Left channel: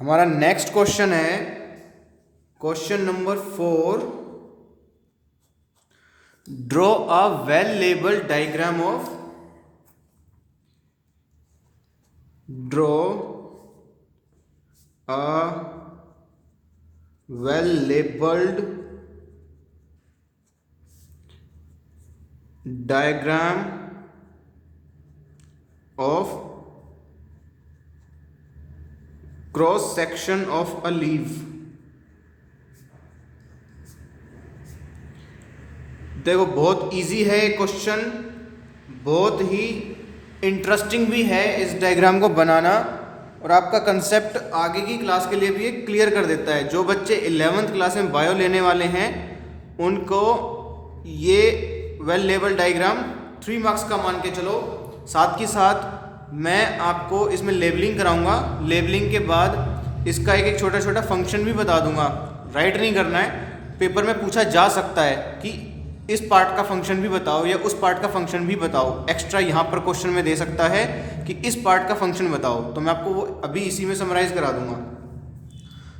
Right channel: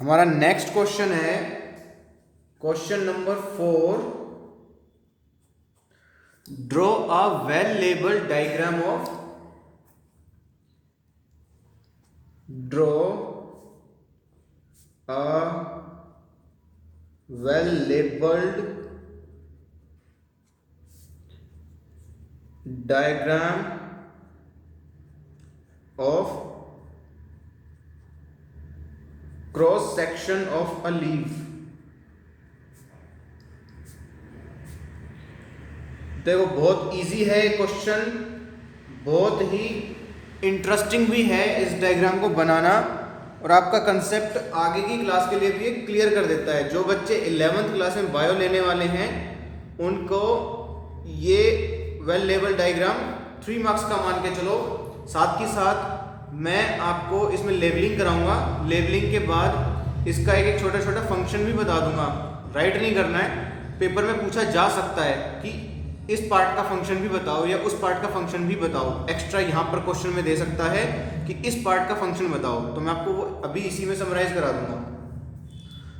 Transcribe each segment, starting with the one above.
हमारा next question है question number 4। Draw a well labelled diagram of draw a well labelled diagram of cross section of a leaf. देखो बहुत easy है ये question, बहुत ही interesting भी है इस डायग्राम को बनाना, और आपका कंसेप्ट आगे की क्लास के लिए भी क्लियर कर देता है। जो बच्चे 11th क्लास में बायो लेने वाले हैं उनको ये वेल लेबल डायग्राम 3 मार्क्स का मान के चलो। साथ ही साथ मैं आपको इसमें लेबलिंग कराऊंगा। लेबलिंग के बाद इसका एक छोटा छोटा फंक्शन भी बता दूंगा। राइट नहीं करना है, पेपर में पूछा जा सकता है कि इस पार्ट का फंक्शन भी बताओ या उस पार्ट का फंक्शन भी बताओ। एक्स्ट्रा यहाँ पर क्वेश्चन में दे सकता है कि इस पार्ट का फंक्शन बताओ, तो मैं आपको वो अभी इसी में समराइज करा दूंगा,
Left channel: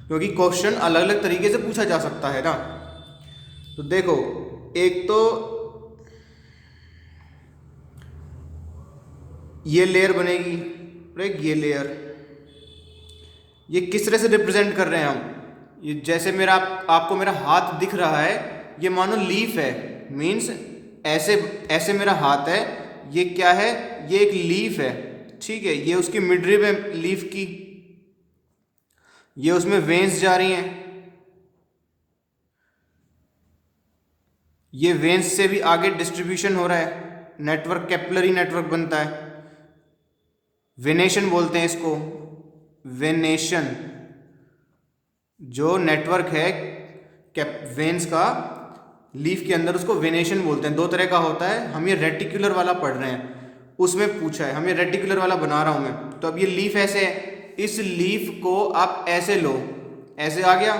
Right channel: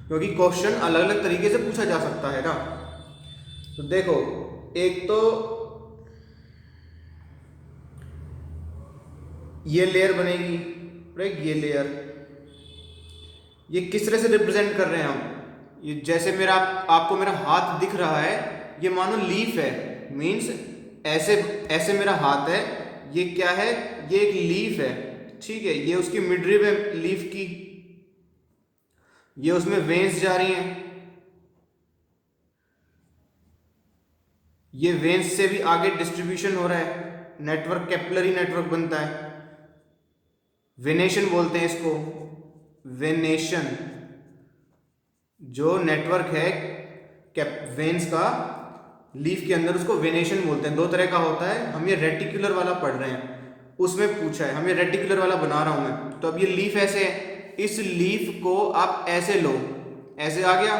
क्योंकि क्वेश्चन अलग अलग तरीके से पूछा जा सकता है ना। तो देखो, एक तो ये लेयर बनेगी, राइट। ये लेयर, ये किस तरह से रिप्रेजेंट कर रहे हैं हम। ये जैसे मेरा आपको मेरा हाथ दिख रहा है, ये मानो लीफ है, मीन्स ऐसे ऐसे मेरा हाथ है। ये क्या है, ये एक लीफ है, ठीक है। ये उसकी मिडरिब है लीफ की, ये उसमें वेन्स जा रही हैं, ये वेन्स से भी आगे डिस्ट्रीब्यूशन हो रहा है, नेटवर्क कैपिलरी नेटवर्क बनता है। वेनेशन बोलते हैं इसको, वेनेशन। जो नेटवर्क है वेन्स का लीफ के अंदर, उसको वेनेशन बोलते हैं। 2 तरह का होता है, हम ये रेटिकुलर वाला पढ़ रहे हैं, उसमें पूछा है, हम ये रेटिकुलर वाला बना रहा हूं मैं। तो अब ये लीफ ऐसे है, इस लीफ को आप ऐसे लो, ऐसे आ गया।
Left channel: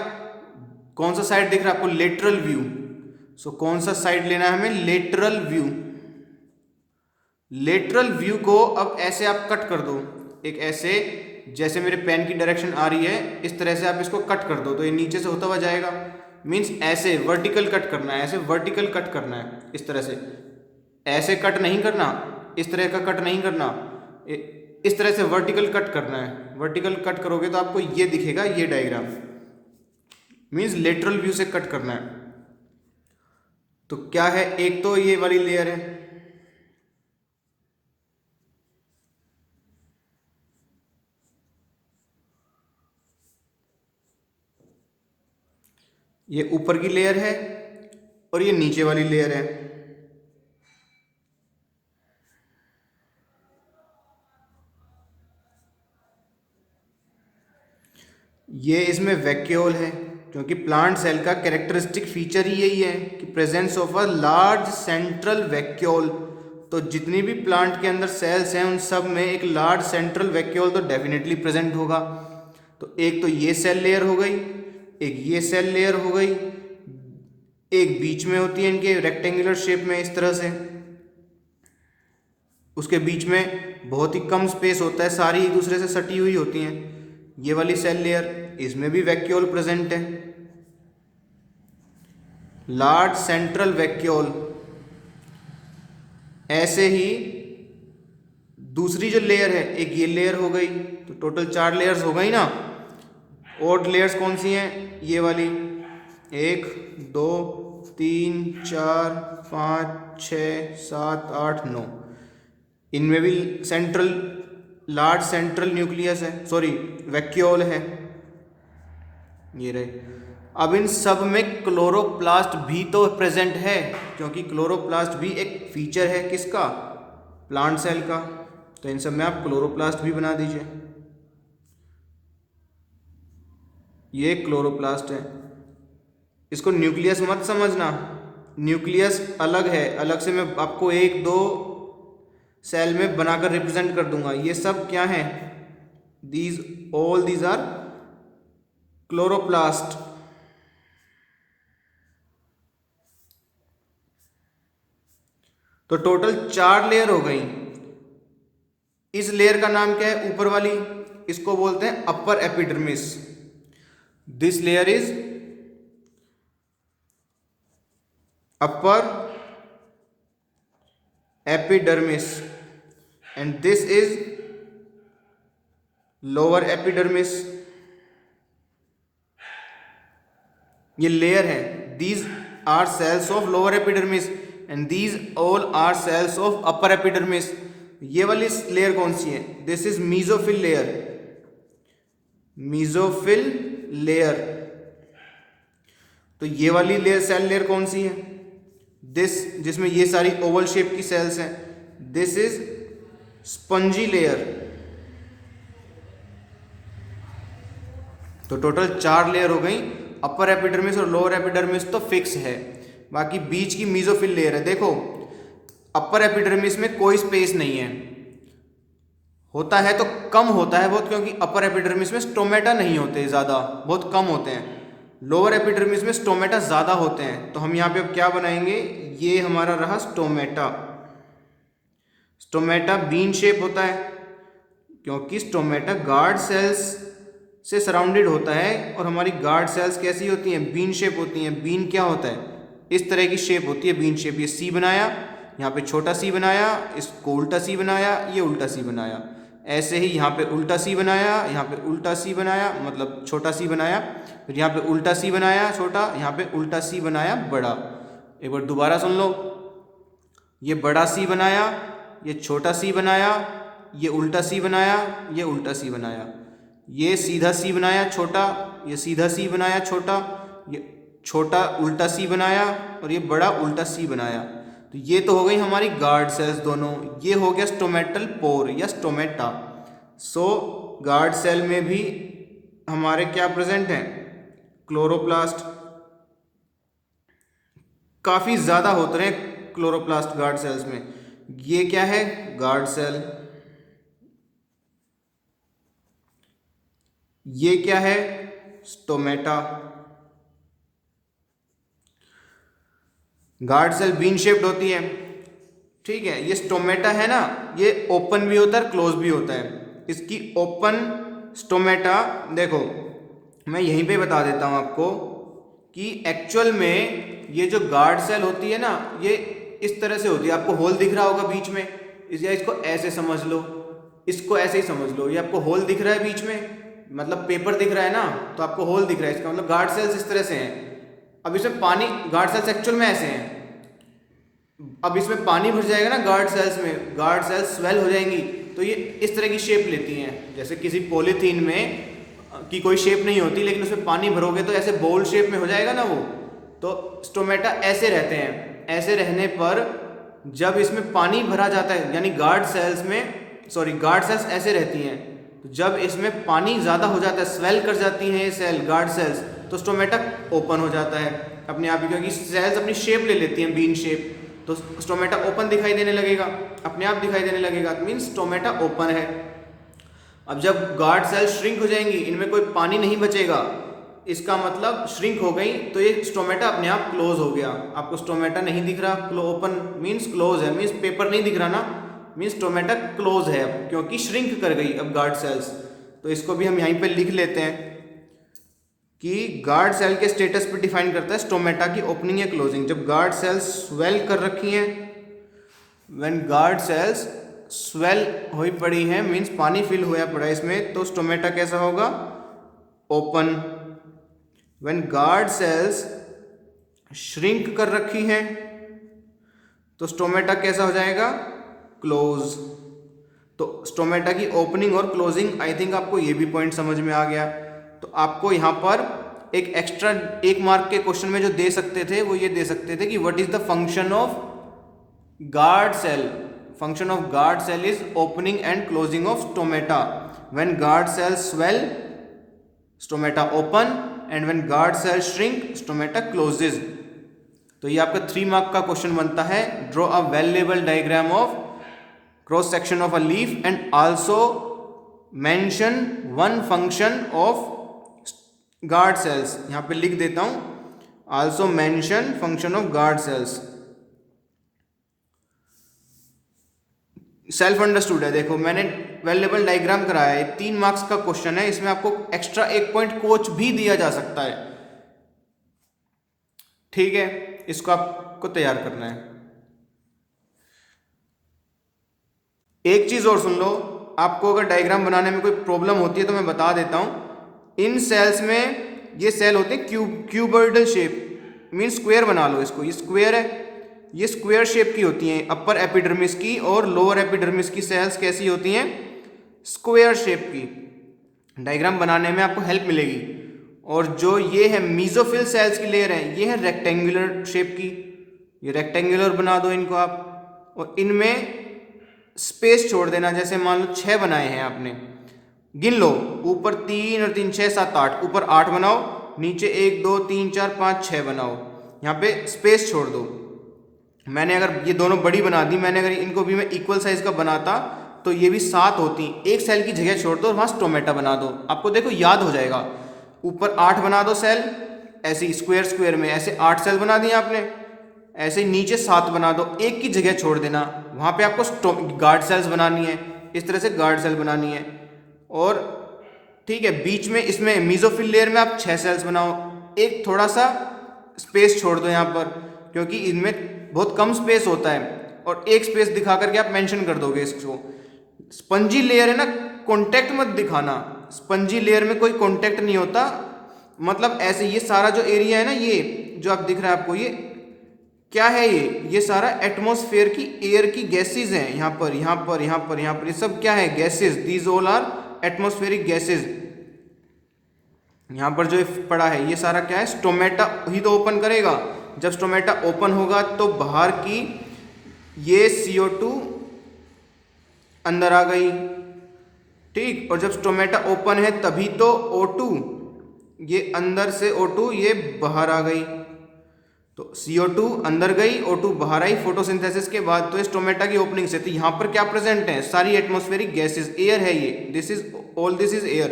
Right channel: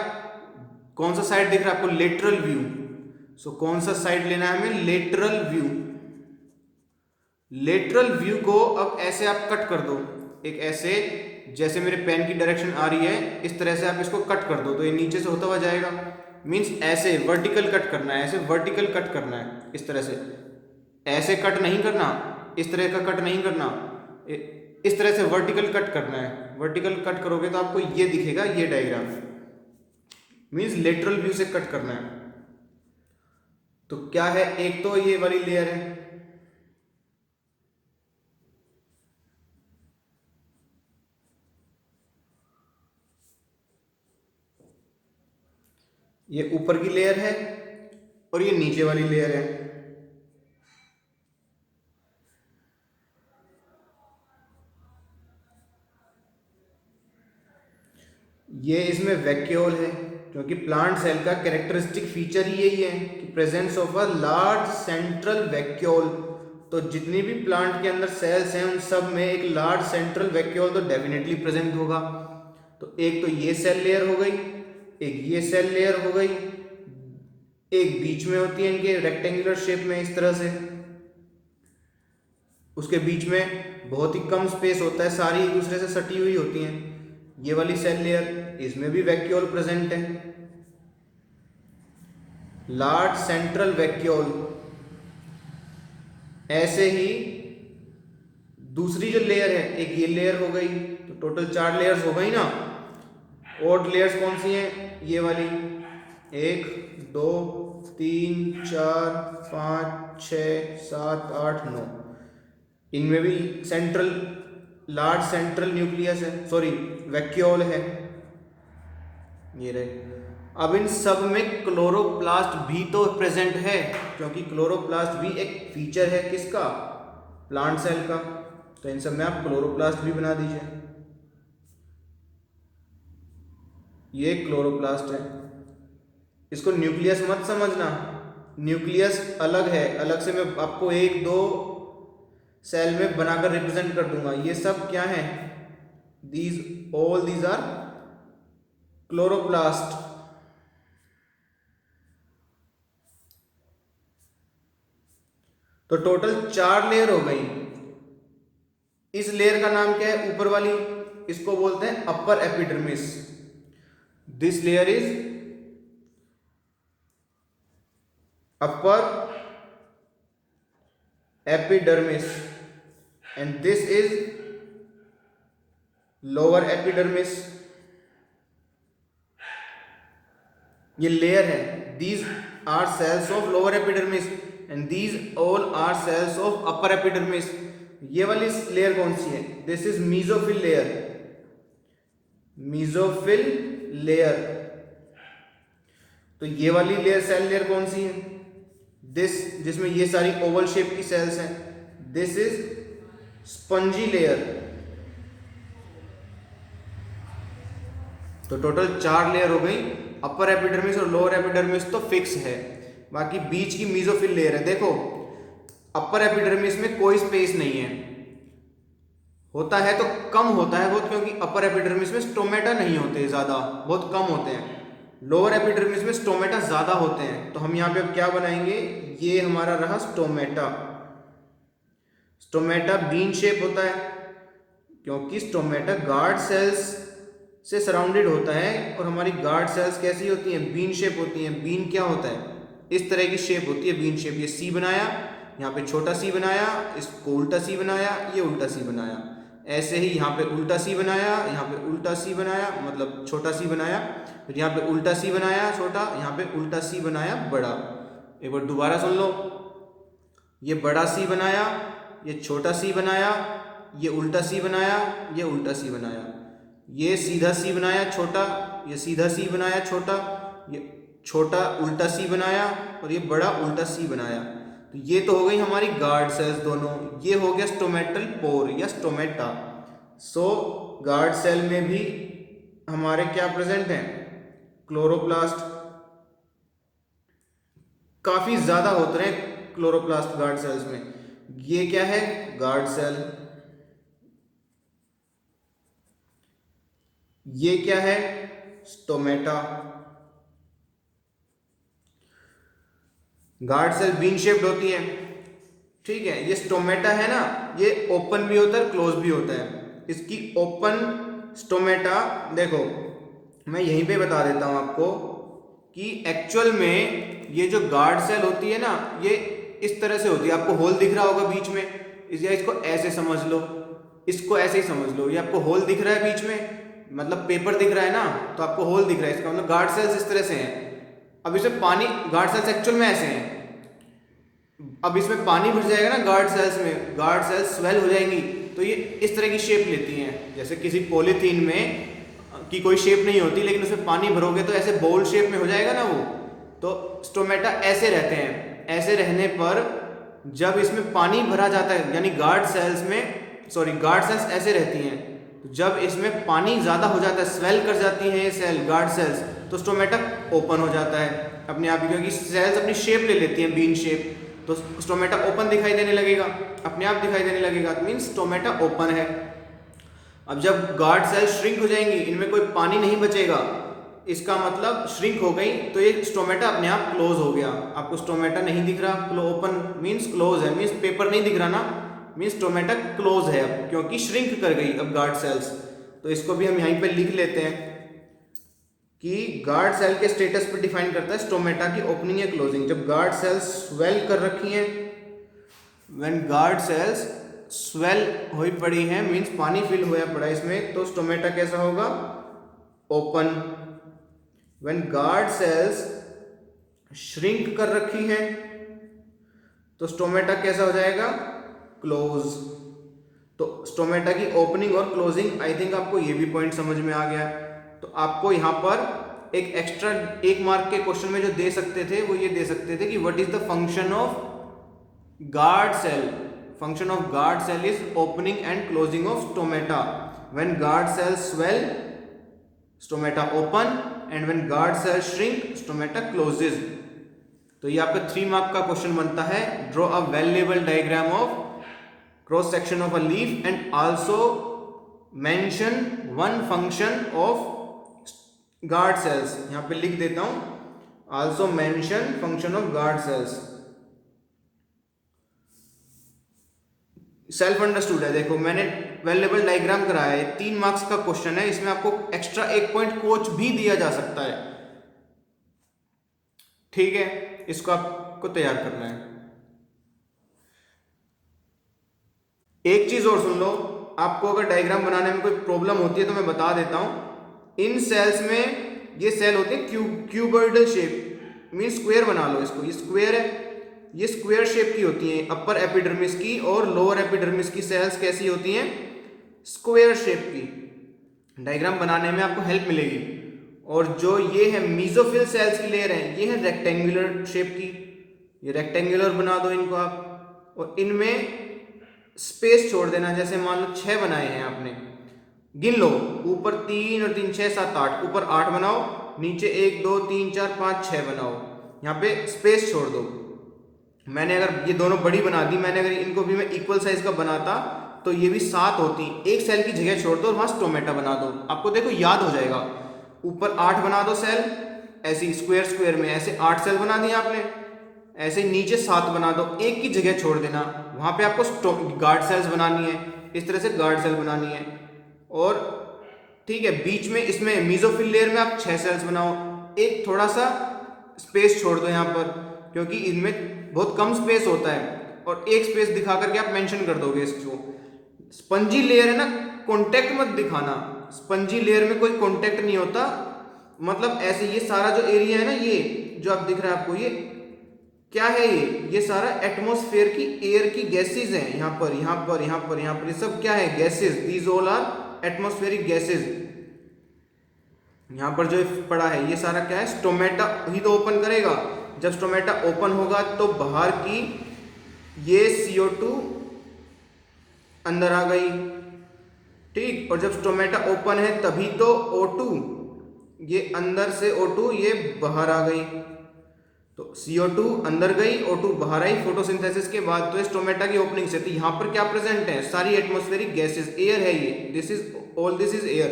कौन सा साइड दिख रहा है आपको, लेटरल व्यू। सो कौन सा साइड लेना है हमें, लेटरल व्यू। लेटरल व्यू को अब ऐसे आप कट कर दो, एक ऐसे, जैसे मेरे पेन की डायरेक्शन आ रही है इस तरह से आप इसको कट कर दो, तो ये नीचे से होता हुआ जाएगा। मीन्स ऐसे वर्टिकल कट करना है, ऐसे वर्टिकल कट करना है, इस तरह से। ऐसे कट नहीं करना, इस तरह का कट नहीं करना, इस तरह से वर्टिकल कट करना है। वर्टिकल कट करोगे तो आपको ये दिखेगा, ये डायग्राम। मीन्स लेटरल व्यू से कट करना है। तो क्या है, एक तो ये वाली लेयर है, ये ऊपर की लेयर है, और ये नीचे वाली लेयर है। ये इसमें वैक्यूल है, क्योंकि प्लांट सेल का कैरेक्टरिस्टिक फीचर ही यही है कि presence of a large central vacuole. तो जितनी भी प्लांट के अंदर सेल्स हैं उन सब में एक लार्ज सेंट्रल वैक्यूल तो डेफिनेटली प्रेजेंट होगा। तो एक तो ये सेल लेयर हो गई, एक ये सेल लेयर हो गई, एक बीच में होती है इनके रेक्टेंगुलर शेप में इस तरह से, उसके बीच में बहुत ही कम स्पेस होता है, सारी एक दूसरे से सटी हुई होती हैं। ये वाली सेल लेयर, इसमें भी वैक्यूल प्रेजेंट है, लार्ज सेंट्रल वैक्यूल। ऐसे ही दूसरी जो लेयर है, एक ये लेयर हो गई, तो टोटल 4 लेयर्स हो गई ना। और लेयर्स कौन सी हैं, ये वाली, 1 2 3 4 5 6 7 8 9। इनमें भी सेंट्रल, लार्ज सेंट्रल न्यूक्लियस है, सॉरी वैक्यूल है, ये रहे। अब इन सब में क्लोरोप्लास्ट भी तो प्रेजेंट है, क्योंकि क्लोरोप्लास्ट भी एक फीचर है किसका, प्लांट सेल का। तो इन सब में आप क्लोरोप्लास्ट भी बना दीजिए। ये क्लोरोप्लास्ट है, इसको न्यूक्लियस मत समझना, न्यूक्लियस अलग है, अलग से मैं आपको 1 2 सेल में बनाकर रिप्रेजेंट कर दूंगा। ये सब क्या है, these आर क्लोरोप्लास्ट। तो टोटल 4 लेयर हो गई। इस लेयर का नाम क्या है, ऊपर वाली, इसको बोलते हैं upper epidermis. This layer is upper epidermis and this is lower epidermis. ये लेयर है, these are cells of lower epidermis and these all are cells of upper epidermis. ये वाली लेयर कौन सी है? This is mesophyll layer, mesophyll layer. तो ये वाली लेयर सेल लेयर कौन सी है? दिस, जिसमें ये सारी ओवल शेप की सेल्स हैं, दिस इज स्पंजी लेयर। तो टोटल 4 लेयर हो गई, अपर एपिडर्मिस और लोअर एपिडर्मिस तो फिक्स है, बाकी बीच की मीजोफिल लेयर है। देखो अपर एपिडर्मिस में कोई स्पेस नहीं है, होता है तो कम होता है बहुत, क्योंकि अपर एपिडर्मिस में स्टोमेटा नहीं होते, ज़्यादा बहुत कम होते हैं। लोअर एपिडर्मिस में स्टोमेटा ज़्यादा होते हैं। तो हम यहाँ पे अब क्या बनाएंगे, ये हमारा रहा स्टोमेटा। स्टोमेटा बीन शेप होता है क्योंकि स्टोमेटा गार्ड सेल्स से सराउंडेड होता है, और हमारी गार्ड सेल्स कैसी होती हैं? बीन शेप होती हैं। बीन क्या होता है? इस तरह की शेप होती है बीन शेप। ये सी बनाया, यहाँ पे छोटा सी बनाया, इसको उल्टा सी बनाया, ये उल्टा सी बनाया। ऐसे ही यहाँ पे उल्टा सी बनाया, यहाँ पे उल्टा सी बनाया, मतलब छोटा सी बनाया, फिर यहाँ पे उल्टा सी बनाया छोटा, यहाँ पे उल्टा सी बनाया बड़ा। एक बार दोबारा सुन लो, ये बड़ा सी बनाया, ये छोटा सी बनाया, ये उल्टा सी बनाया, ये उल्टा सी बनाया, ये सीधा सी बनाया छोटा, ये सीधा सी बनाया छोटा, ये छोटा उल्टा सी बनाया, और ये बड़ा उल्टा सी बनाया। तो ये तो हो गई हमारी गार्ड सेल्स दोनों। ये हो गया स्टोमेटल पोर या स्टोमेटा। सो गार्ड सेल में भी हमारे क्या प्रेजेंट हैं? क्लोरोप्लास्ट। काफी ज्यादा होते रहे क्लोरोप्लास्ट गार्ड सेल्स में। ये क्या है? Guard cell. ये क्या है? Stomata. Guard cell bean shaped होती है, ठीक है। ये स्टोमेटा है ना, ये ओपन भी होता है, क्लोज भी होता है। इसकी ओपन स्टोमेटा, देखो मैं यहीं पे बता देता हूं आपको कि एक्चुअल में ये जो गार्ड सेल होती है ना, ये इस तरह से होती है। आपको होल दिख रहा होगा बीच में, या इसको ऐसे समझ लो, इसको ऐसे ही समझ लो। ये आपको होल दिख रहा है बीच में, मतलब पेपर दिख रहा है ना, तो आपको होल दिख रहा है, इसका मतलब गार्ड सेल्स इस तरह से हैं। अब इसमें पानी, गार्ड सेल्स एक्चुअल में ऐसे हैं। अब इसमें पानी भर जाएगा ना गार्ड सेल्स में, गार्ड सेल्स स्वेल हो जाएंगी, तो ये इस तरह की शेप लेती हैं। जैसे किसी पॉलीथीन में की कोई शेप नहीं होती, लेकिन उसमें पानी भरोगे तो ऐसे बोल शेप में हो जाएगा ना वो। तो स्टोमेटा ऐसे रहते हैं। ऐसे रहने पर जब इसमें पानी भरा जाता है, यानी गार्ड सेल्स में, सॉरी गार्ड सेल्स ऐसे रहती हैं, तो जब इसमें पानी ज़्यादा हो जाता है, स्वेल कर जाती हैं ये सेल, गार्ड सेल्स, तो स्टोमेटा ओपन हो जाता है अपने आप ही, क्योंकि सेल्स अपनी शेप ले लेती हैं, बीन शेप। तो स्टोमेटा ओपन दिखाई देने लगेगा, अपने आप दिखाई देने लगेगा, मीन्स स्टोमेटा ओपन है। अब जब गार्ड सेल श्रिंक हो जाएंगी, इनमें कोई पानी नहीं बचेगा, इसका मतलब श्रिंक हो गई, तो ये स्टोमेटा अपने आप क्लोज हो गया। आपको स्टोमेटा नहीं दिख रहा, ओपन मीन्स क्लोज है, मीन्स पेपर नहीं दिख रहा ना, मीन्स स्टोमेटा क्लोज है अब, क्योंकि श्रिंक कर गई अब गार्ड सेल्स। तो इसको भी हम यहीं पे लिख लेते हैं कि गार्ड सेल के स्टेटस पे डिफाइन करता है स्टोमेटा की ओपनिंग या क्लोजिंग। जब गार्ड सेल्स स्वेल कर रखी हैं, व्हेन गार्ड सेल्स स्वेल हुई पड़ी है, मीन्स पानी फिल हुआ पड़ा है इसमें, तो स्टोमेटा कैसा होगा? Open. When guard cells shrink कर रखी है, तो स्टोमेटा कैसा हो जाएगा? क्लोज। तो स्टोमेटा की ओपनिंग और क्लोजिंग, आई थिंक आपको ये भी पॉइंट समझ में आ गया। तो आपको यहाँ पर एक एक्स्ट्रा 1 मार्क के क्वेश्चन में जो दे सकते थे, वो ये दे सकते थे कि what is the function of guard cell. Function of guard cell is opening and closing of stomata. When guard cell swell, stomata open, and when guard cell shrink, stomata closes. तो ये आपका 3 मार्क का question बनता है। Draw a well label diagram of cross section of a leaf and also mention one function of guard cells. यहां पे लिख देता हूं, also mention function of guard sales. Self understood है, देखो मैंने वेल डायग्राम कराया है, 3 मार्क्स का क्वेश्चन है, इसमें आपको एक्स्ट्रा 1 पॉइंट कोच भी दिया जा सकता है। ठीक है, इसको आपको तैयार करना है। एक चीज और सुन लो, आपको अगर डायग्राम बनाने में कोई प्रॉब्लम होती है तो मैं बता देता हूं। इन सेल्स में ये सेल होते हैं क्यूबर्डल शेप, मीन स्क्वायर बना लो इसको, ये स्क्वायर है, ये स्क्वायर शेप की होती हैं अपर एपिडर्मिस की, और लोअर एपिडर्मिस की सेल्स कैसी होती हैं, स्क्वायर शेप की। डायग्राम बनाने में आपको हेल्प मिलेगी। और जो ये है मीजोफिल सेल्स की लेयर है, ये है रेक्टेंगुलर शेप की, ये रेक्टेंगुलर बना दो इनको आप, और इनमें स्पेस छोड़ देना। जैसे मान लो 6 बनाए हैं आपने, गिन लो, ऊपर 3 और 3 6 7 8, ऊपर 8 बनाओ, नीचे 1 2 3 4 5 6 बनाओ, यहाँ पे स्पेस छोड़ दो। मैंने अगर ये दोनों बड़ी बना दी, मैंने अगर इनको भी मैं इक्वल साइज का बनाता तो ये भी 7 होती। एक सेल की जगह छोड़ दो और वहाँ स्टोमेटा बना दो, आपको देखो याद हो जाएगा। ऊपर 8 बना दो सेल, ऐसे स्क्वायर स्क्वायर में ऐसे 8 सेल बना दिए आपने, ऐसे ही नीचे 7 बना दो, एक की जगह छोड़ देना, वहाँ पे आपको गार्ड सेल्स बनानी है, इस तरह से गार्ड सेल बनानी है। और ठीक है, बीच में इसमें मीजोफिल लेयर में आप 6 सेल्स बनाओ, एक थोड़ा सा स्पेस छोड़ दो यहाँ पर, क्योंकि इनमें बहुत कम स्पेस होता है, और एक स्पेस दिखा करके आप मेंशन कर दोगे इसको। स्पंजी लेयर है ना, कॉन्टेक्ट मत दिखाना, स्पंजी लेयर में कोई कॉन्टेक्ट नहीं होता, मतलब ऐसे ये सारा जो एरिया है ना, ये जो आप दिख रहा है आपको, ये क्या है, ये सारा एटमॉस्फेयर की एयर की गैसेज हैं, यहाँ पर यहाँ पर यहाँ पर यहाँ पर, ये सब क्या है, gases, these all are atmospheric gases. यहाँ पर जो पड़ा है ये सारा क्या है, स्टोमेटा ही तो ओपन करेगा। जब स्टोमेटा ओपन होगा तो बाहर की ये CO2 अंदर आ गई, ठीक, और जब स्टोमेटा ओपन है तभी तो O2, ये अंदर से O2 ये बाहर आ गई, तो CO2 अंदर गई, O2 बाहर आई फोटोसिंथेसिस के बाद, तो स्टोमेटा की ओपनिंग से। तो यहाँ पर क्या प्रेजेंट है, सारी एटमॉस्फेरिक गैसेस, एयर है ये, दिस इज एयर।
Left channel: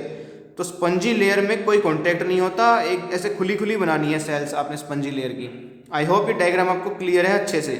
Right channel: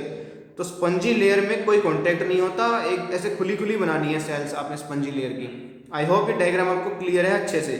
तो स्पंजी लेयर में कोई कॉन्टेक्ट नहीं होता, एक ऐसे खुली खुली बनानी है सेल्स आपने स्पंजी लेयर की। आई होप ये डायग्राम आपको क्लियर है अच्छे से।